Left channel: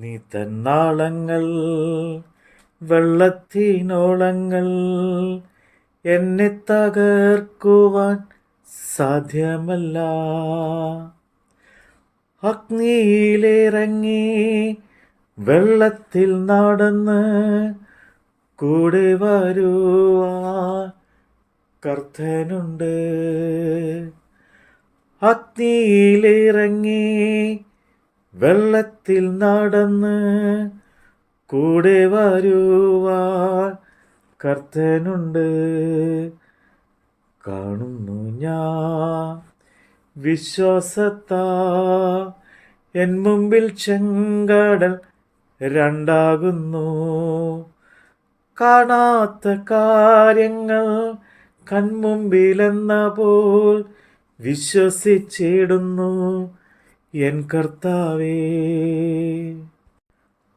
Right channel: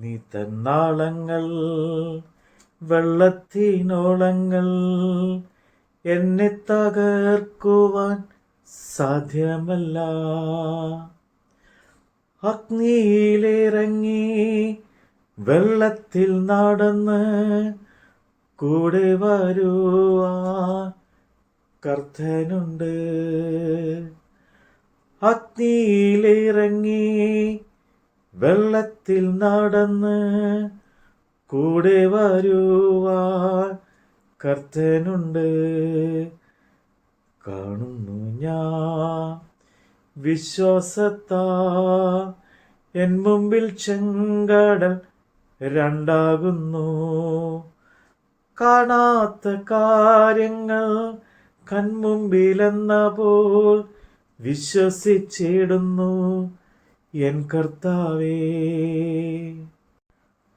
നീ തന്നാളങ്ങൾ വെള്ളത്തിനോളങ്ങൾ എന്നെ തകർക്കുവാൻ സാധ്യമല്ല. അഗ്നിയിലിറങ്ങി വെള്ളത്തിൽ നടന്ന് കൂടെ വരുവാൻ കർത്തനുണ്ട്. അഗ്നിയിലിറങ്ങി വെള്ളത്തിൽ നടന്ന് കൂടെ വരുവാൻ കർത്തനുണ്ട് കാണുന്നു ഞാൻ. വിശ്വാസത്താ എൻ മുമ്പിൽ ചെങ്കടൽ രണ്ടാകുന്നു. കാണാത്ത കാര്യങ്ങൾ കൺമുമ്പിലെന്ന പോൽ വിശ്വസിച്ചിടുന്നു. എൻ കർത്താവേ.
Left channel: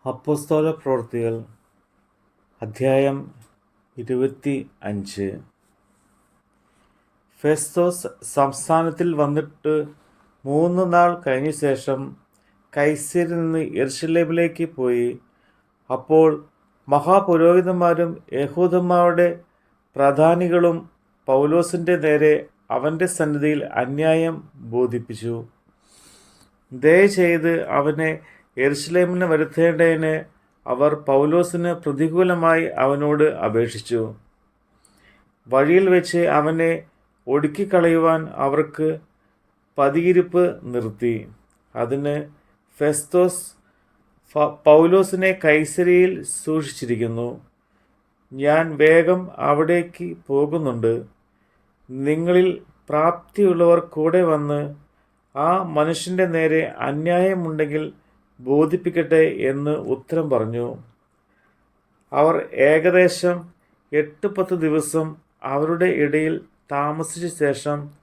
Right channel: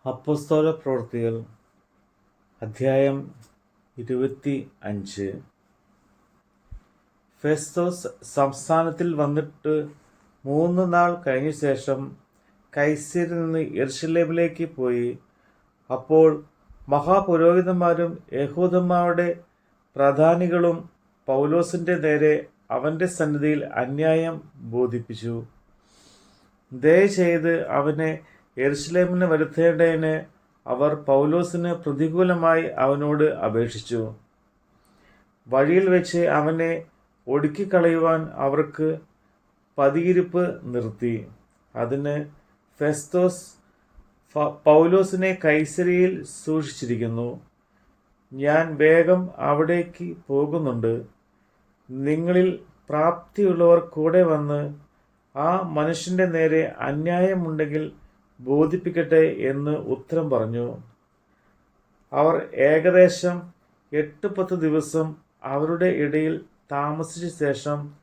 അപ്പസ്തോല പ്രവൃത്തികൾ അധ്യായം ഇരുപത്തി അഞ്ച്. ഫെസ്തോസ് സംസ്ഥാനത്തിൽ വന്നിട്ട് മൂന്ന് നാൾ കഴിഞ്ഞ ശേഷം കൈസരിൽ നിന്ന് എർഷലേമിലേക്ക് പോയി. അപ്പോൾ മഹാപുരോഹിതന്മാരും യഹൂദന്മാരുടെ പ്രധാനികളും പൗലോസിന്റെ നേരെ അവന്റെ സന്നിധിയിൽ അന്യായം ബോധിപ്പിച്ചു. ദയചെയ്ത് അവനെ എരുസലേമിന് വരുത്തേണ്ടതിന് അവർ പൗലോസിന് പ്രതികൂലമായി അവനോട് അപേക്ഷിച്ചു. വഴിയിൽ വെച്ച് അവനെ ഒടുക്കിക്കളയുവാൻ അവർക്ക് പതിയിരിപ്പ് നിർത്തി. അതിന് ഫെസ്തോസ് പൗലോസിനെ കൈസരിയിൽ സൂക്ഷിച്ചിരിക്കുന്നു. ഞാൻ വേഗം അവിടേക്ക് പോകുന്നുണ്ട്. നിങ്ങളിൽ പ്രാപ്തിയുള്ളവർ കൂടെ വന്ന് ആ മനുഷ്യന്റെ നേരെ അന്യായമുണ്ടെങ്കിൽ ബോധിപ്പിക്കട്ടെ എന്ന് ഉത്തരം പറഞ്ഞു. അവർ ഏകദേശം എട്ട് പത്ത് ദിവസം അവരുടെ ഇടയിൽ താമസിച്ച ശേഷം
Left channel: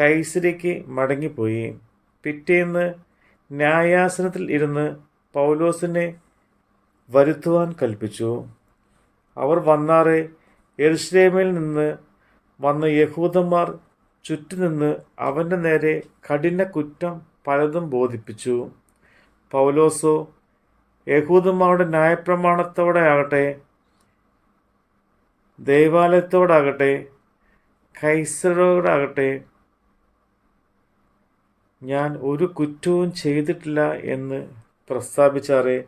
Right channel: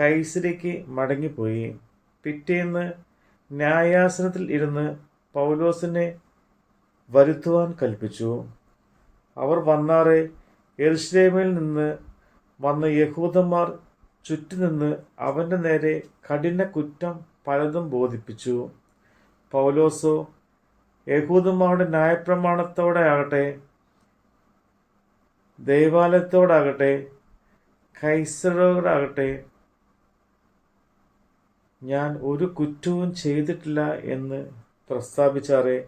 കൈസരിക്ക് മടങ്ങിപ്പോയി. പിറ്റേന്ന് ന്യായാസനത്തിൽ ഇരുന്ന് പൗലോസിനെ വരുത്തുവാൻ കൽപ്പിച്ചു. അവർ വന്നാറെ എരുസലേമിൽ നിന്ന് വന്ന യഹൂദന്മാർ ചുറ്റുനിന്ന് അവന്റെ നേരെ കഠിന കുറ്റം പലതും ബോധിപ്പിച്ചു. പൗലോസോ യഹൂദന്മാരുടെ ന്യായപ്രമാണത്തോടെ ആകട്ടെ ദേവാലയത്തോടാകട്ടെ കൈസരോടാകട്ടെ ഞാൻ ഒരു കുറ്റവും ചെയ്തിട്ടില്ല എന്ന് പ്രസ്താവിച്ചാറേ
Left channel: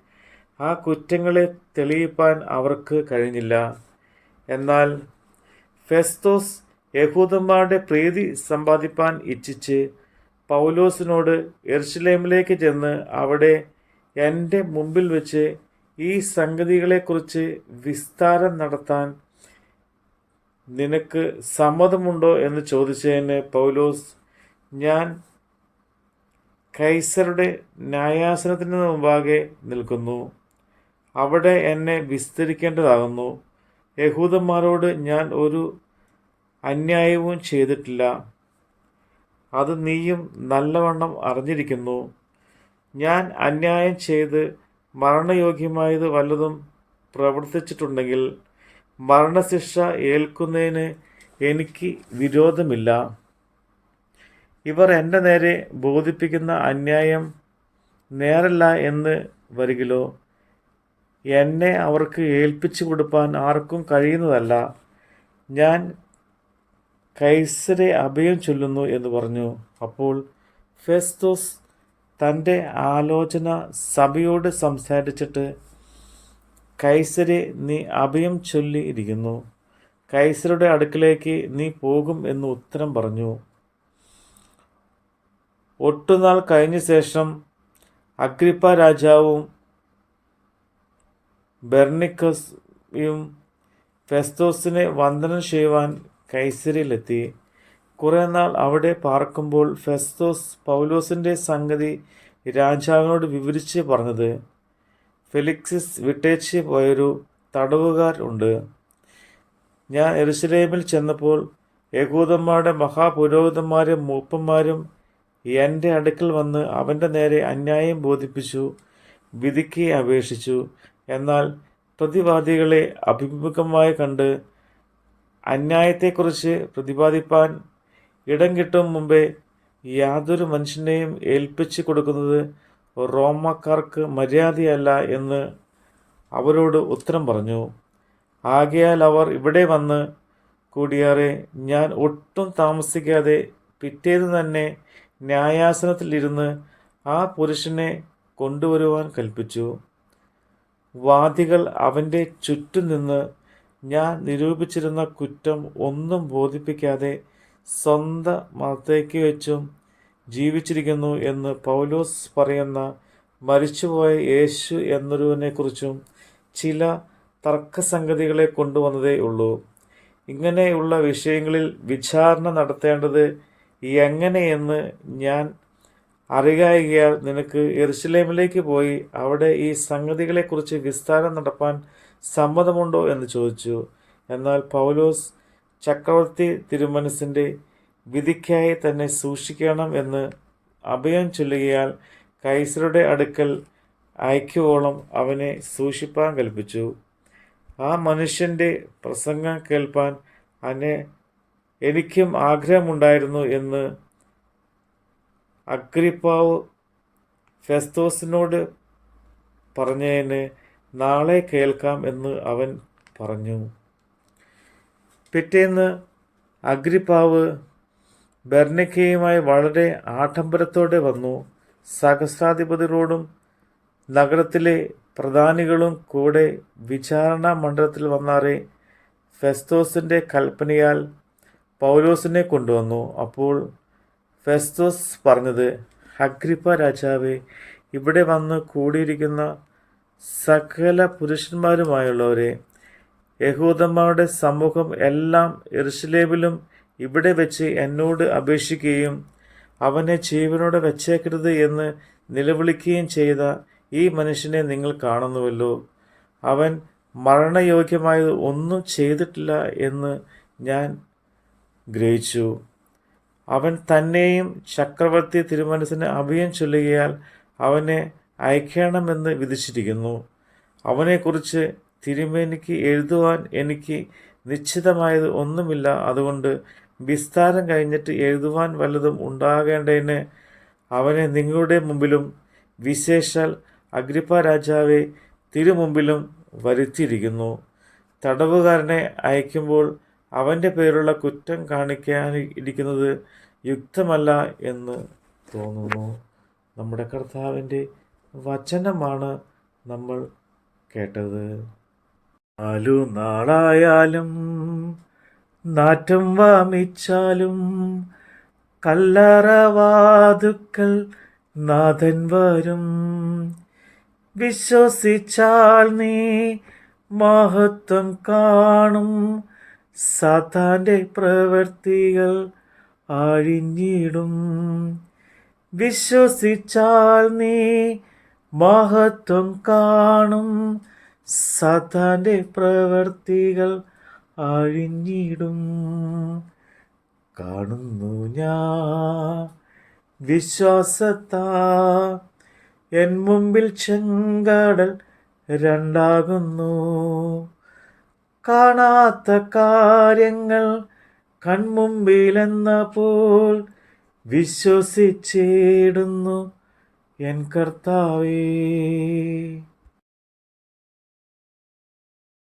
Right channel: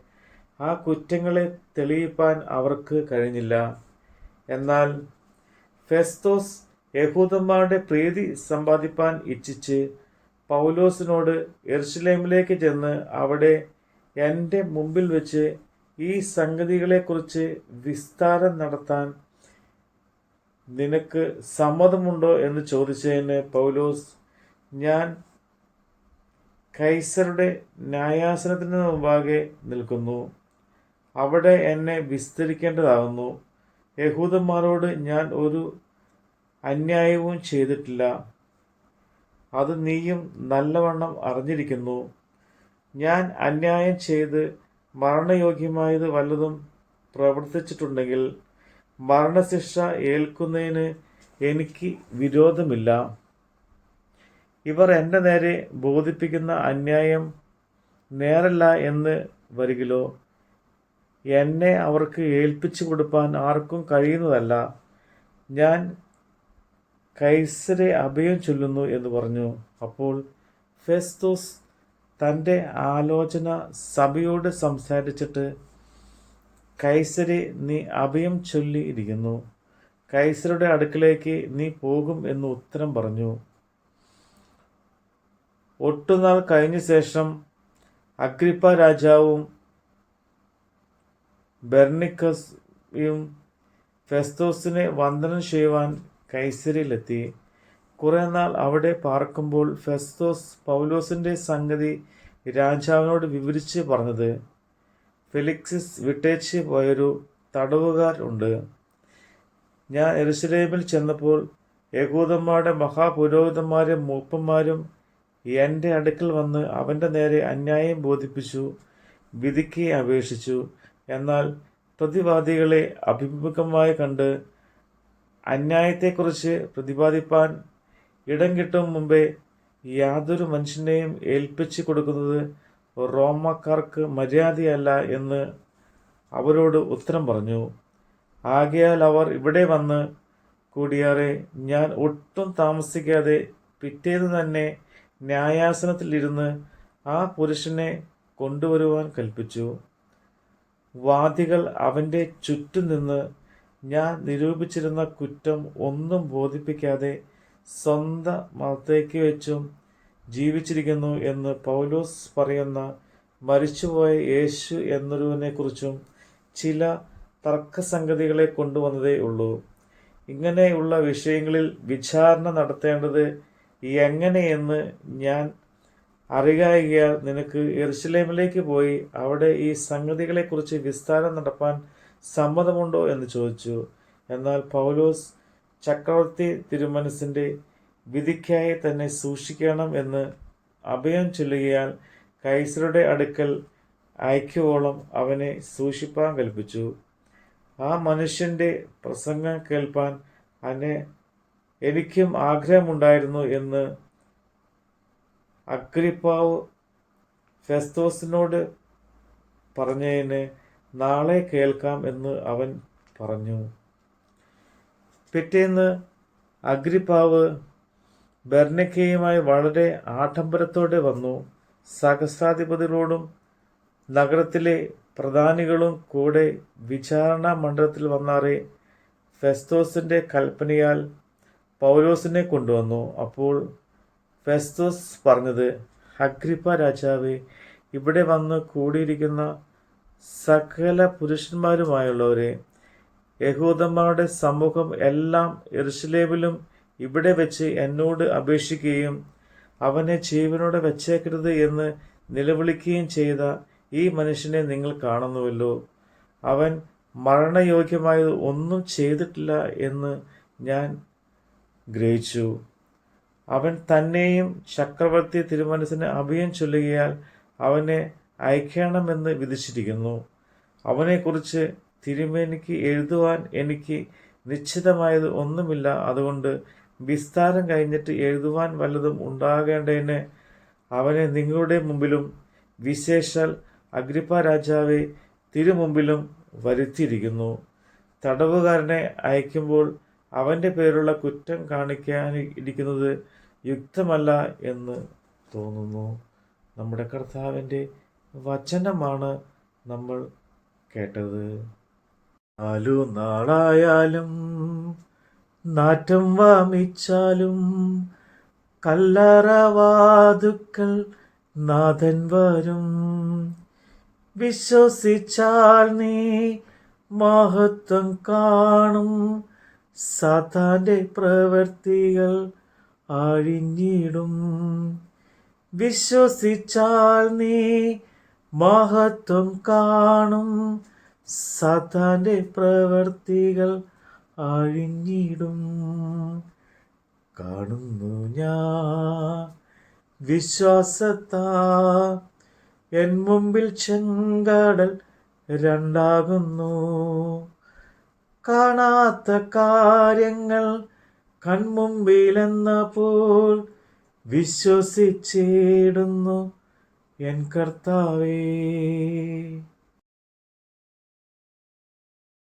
ആ കുറ്റങ്ങളെ തെളിയിപ്പാൻ അവർക്ക് കഴിഞ്ഞില്ല. എന്നാൽ ഫെസ്തോസ് യഹൂദന്മാരുടെ പ്രീതി സമ്പാദിപ്പാൻ ഇച്ഛിച്ച് പൗലോസിനോട് എർഷലേമിലേക്ക് ചെന്ന് അവിടെ എന്റെ മുമ്പിൽ വെച്ച് ഈ സംഗതികളെക്കുറിച്ച് വിസ്താരം നടത്താൻ നിനക്ക് സമ്മതമുണ്ടോ എന്ന് ചോദിച്ചതിന് പൗലോസ് ഞാൻ കൈസറുടെ ന്യായാസനത്തിന് മുമ്പാകെ നിൽക്കുന്നു. അവിടെ എന്നെ വിസ്തരിക്കേണ്ടതാകുന്നു. യഹൂദന്മാരോട് ഞാൻ ഒരു അന്യായവും ചെയ്തിട്ടില്ല. അത് നീയും നല്ലവണ്ണം അറിഞ്ഞിരിക്കുന്നു. ഞാൻ അന്യായം ചെയ്ത് മരണയോഗ്യമായത് വല്ലതും പ്രവർത്തിച്ചിട്ടുണ്ടെങ്കിൽ മരണശിക്ഷ ഏൽക്കുന്നതിന് എനിക്ക് വിരോധമില്ല. ഇവർ എന്റെ നേരെ ബോധിപ്പിക്കുന്ന അന്യായം നേരല്ല എന്ന് വരികിലോ? എന്നെ അവർക്ക് ഏൽപ്പിച്ചു കൊടുപ്പാൻ ആർക്കും കഴിയുന്നതല്ല. ഞാൻ കൈസരെ അഭയം ചൊല്ലുന്നു എന്ന് പറഞ്ഞു. അപ്പോൾ ഫെസ്തോസ് തന്റെ ആലോചന സഭയോട് സംസാരിച്ചിട്ട് കൈസരെ നീ അഭയം ചൊല്ലിയിരിക്കുന്നു കൈസരുടെ അടുക്കിലേക്ക് നീ പോകും എന്ന് ഉത്തരം പറഞ്ഞു. ഒട്ടുനാൾ കഴിഞ്ഞ ശേഷം അഗ്രിപ്പ രാജാവും ബെർണിക്കസും ഫെസ്തോസിനെ വന്ദനം ചെയ്യുവാൻ കൈസരിയിലെത്തി. കുറേ നാൾ അവിടെ പാർക്കുമ്പോൾ ഫെസ്തോസ് പൗലോസിന്റെ സംഗതി രാജാവിനോട് വിവരിച്ച് പറഞ്ഞത് ഫെലിക്സിസ് വിട്ടേച്ച് പോയൊരു തടവുകാർ ഉണ്ട്. ഞാൻ എരുസലേമിൽ ചെന്നപ്പോൾ യകൂദന്മാരുടെ മഹാപുരോഹിതന്മാരും മൂപ്പന്മാരും എന്റെ അടുക്കൽ വന്ന് അവന്റെ നേരെ അന്യായം ബോധിപ്പിച്ചു വിധിക്ക് അപേക്ഷിച്ചു. എന്നാൽ പ്രതിവാദികളെ അഭിമുഖമായി കണ്ട് അന്യായത്തെക്കുറിച്ച് പ്രതിപാദിപ്പാൻ ഇടം കിട്ടും മുമ്പേ യാതൊരു മനുഷ്യനെയും ഏൽപ്പിച്ചു കൊടുക്കുന്നത് റോമക്കാർക്ക് മര്യാദയല്ല എന്ന് അവരോട് ഉത്തരം പറഞ്ഞു. ആകയാൽ അവർ ഇവിടെ വന്ന് കൂടിയാറെ ഞാൻ ഒട്ടും താമസിക്കാതെ പിറ്റേന്ന് തന്നെ ന്യായാസനത്തിലിരുന്ന് ആ പുരുഷനെ കൊണ്ടുവരുവാൻ കൽപ്പിച്ചു. വാദികൾ അവന്റെ ചുറ്റും നിന്ന് ഞാൻ നിരൂപിച്ചിരുന്ന കുറ്റം ഒന്നും ബോധിപ്പിക്കാതെ സ്വന്തം മതത്തേക്ക് വെച്ചും ജീവിച്ചിരിക്കുന്നു എന്ന് പൗലോസ് പറയുന്ന മരിച്ചുപോയ യേശു എന്നൊരുവനെക്കുറിച്ചും ചില തർക്കസംഗതികളെ കൊണ്ടുവന്നതേ ഉള്ളൂ. ഇങ്ങനെയുള്ള വിഷയങ്ങളിൽ വിചാരണ നടത്തേണ്ടത് എങ്ങനെയെന്ന് ഞാൻ അറിയായികയാൽ നിനക്ക് എറുസലേമിലേക്ക് പോയി അവിടെ ഈ സംഗതികളെക്കുറിച്ച് വിസ്താരം നടപ്പാൻ സമ്മതമുണ്ടോ എന്ന് ചോദിച്ചു. എന്നാൽ പൗലോസ് ചക്രവർത്തി തിരുമനസിന്റെ വിധിക്കായി തന്നെ സൂക്ഷിക്കണം എന്ന് അഭയം ചൊല്ലുകയാൽ കൈസരുടെ അടുക്കൽ അയക്കുവോളം അവനെ സൂക്ഷിപ്പാൻ കൽപ്പിച്ചു. ആ മനുഷ്യന്റെ പ്രസംഗം കേൾപ്പാൻ അനെ എനിക്കും ആഗ്രഹമുണ്ടായിരുന്നു എന്ന് അഗ്രിപ്പാവ് ഫെസ്തോസിനോട് പറഞ്ഞതിന് നാളെ കേൾക്കാം എന്ന് അവൻ പറഞ്ഞു. പിറ്റേന്ന് അഗ്രിപ്പാവ് ബെർണിക്കയുമായി വളരെ ആഡംബരത്തോടെ വന്നു. സഹസ്രാധിപതികളോടും നഗരത്തിലെ പ്രധാനികളും കൂടെ വിചാരണ മണ്ഡലത്തിൽ വന്നാറെ ഫെസ്തോസിന്റെ കൽപ്പനയാൽ പൗലോസിനെ കൊണ്ടുവന്നു. അപ്പോൾ ഫെസ്തോസ് പറഞ്ഞത് അഗ്രിപ്പ രാജാവേ ഇവിടെ വന്ന് കൂടിയിരിക്കുന്ന സകല പുരുഷന്മാരുമായുള്ളവരെ യഹൂദന്മാരുടെ സമൂഹം എല്ലാം എറുസലേമിലും ഇവിടെ വെച്ച് എന്നോട് അപേക്ഷിക്കുകയും അവനെ ജീവനോടെ വച്ചേക്കരുത് എന്ന് നിലവിളിക്കുകയും ചെയ്ത ഈ മനുഷ്യനെ നിങ്ങൾ കാണുന്നുവല്ലോ. അവൻ മരണയോഗ്യമായത് ഒന്നും ചെയ്തിട്ടില്ല എന്ന് ഞാൻ ഗ്രഹിച്ചു. അവൻ തന്നെയും ചക്രവർത്തി തിരുമനസിന് അഭയം ചൊല്ലുകയാൽ അവനെ അയക്കണമെന്ന് വിധിച്ചിരിക്കുന്നു. അവനെക്കുറിച്ച് തിരുമേനിക്ക് എഴുതുവാൻ എനിക്ക് നിശ്ചിതമായത് ഒന്നുമില്ല. അതുകൊണ്ട് വിസ്താരം കഴിഞ്ഞിട്ട് എഴുതുവാൻ വല്ലതും ഉണ്ടാകേണ്ടതിന് അവനെ നിങ്ങളുടെ മുമ്പിലും വിശേഷാൽ അഗ്രിപ്പ രാജാവെ തിരുമുമ്പിലും വരുത്തിയിരിക്കുന്നു. തടവുകാരനെ അയക്കുമ്പോൾ അവന്റെ പേരുള്ള കുറ്റം കാണിക്കാൻ ഇരിക്കുന്നത് യുക്തമല്ല എന്ന് തോന്നുന്നു. നമ്മുടെ കർത്താവിന്റെ വചനമാണ് നമ്മൾ കേട്ടത്. നാലു നാളായാലും നാറ്റം വാമിച്ചാലും കല്ലറവാതുക്കൾ നാഥൻ വരും. വിശ്വസിച്ചാൽ നീ മഹത്വം കാണും. സാത്താന്റെ പ്രവൃത്തികൾ അഴിഞ്ഞിടും വിശ്വസിച്ചാൽ നീ മഹത്വം കാണും. സതന്റെ പ്രവർത്തികൾ അഴിഞ്ഞിടും. കാണുന്നു ഞാൻ വിശ്വാസത്താ. എൻ മുമ്പിൽ ചെങ്കടൽ രണ്ടാകുന്നു. കാണാത്ത കാര്യങ്ങൾ കൺമുമ്പിലെന്ന പോൽ വിശ്വസിച്ചിടുന്നു. എൻ കർത്താവേ.